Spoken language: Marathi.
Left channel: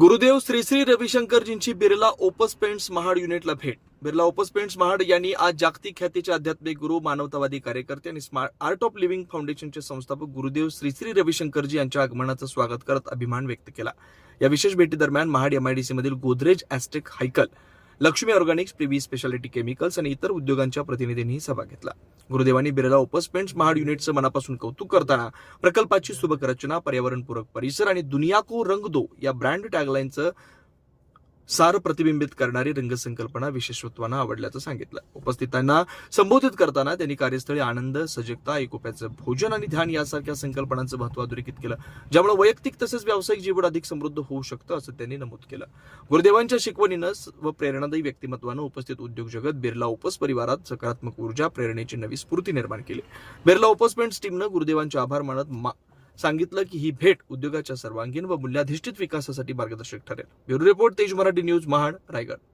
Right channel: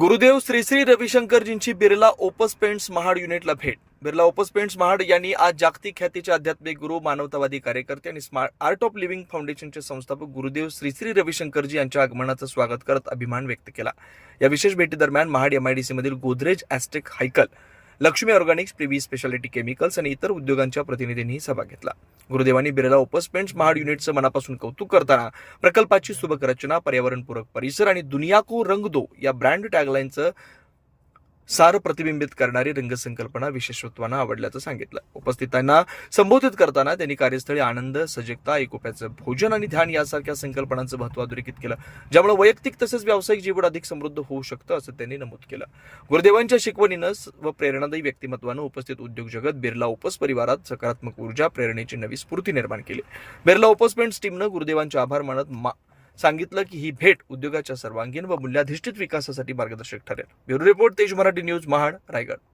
गुरुदेव श्री श्री रविशंकरजींची बिर्ला ओपस पेंट्स महाड युनिटला भेट. बिर्ला ओपस पेंट्स महाड यांनी आज जागतिक ख्यातीचे आध्यात्मिक गुरु, मानवतावादी कार्यकर्ते आणि स्मार्ट आर्ट ऑफ लिव्हिंग फाउंडेशनचे संस्थापक गुरुदेव श्री श्री रविशंकरजी यांच्या आगमनाचं स्वागत करत अभिमान व्यक्त केला. या विशेष भेटीदरम्यान महाड MIDC मधील Godrej Astec Hikal, Laxmi organics, Privi speciality chemicals आणि इतर उद्योगांच्या प्रतिनिधींनी सहभाग घेतला. गुरुदेवांनी बिर्ला ओपस पेंट्स महाड युनिटचं मनापासून कौतुक करताना प्रकल्पाची सुबक रचना, पर्यावरणपूरक परिसर आणि दुनिया को रंग दो या ब्रँड टॅगलाईनचं सार प्रतिबिंबित करणारी रंगसंकल्पना विशेषत्वानं आवडल्याचं सांगितलं. उपस्थितांना संबोधित करताना त्यांनी कार्यस्थळी आनंद, सजगता, एकोप्याचं भोजन आणि ध्यान यासारख्या संकल्पनांचं महत्त्व अधोरेखित केलं, ज्यामुळे वैयक्तिक तसेच व्यावसायिक जीवन अधिक समृद्ध होऊ शकतं असं त्यांनी नमूद केलं. गुरुदेवांच्या शिकवणीनं व प्रेरणादायी व्यक्तिमत्वानं उपस्थित उद्योग जगत, बिर्ला ओपस परिवारात सकारात्मक ऊर्जा, प्रेरणेची नवी स्फूर्ती निर्माण केली. बिर्ला ओपस पेंट्स टीमनं गुरुदेवांचे आभार मानत सांगितलं की ही भेट उद्योगाच्या सर्वांगीण व मूल्याधिष्ठित विकासासाठी मार्गदर्शक ठरेल. ब्युरो रिपोर्ट, तेज मराठी न्यूज, महाड, रायगड.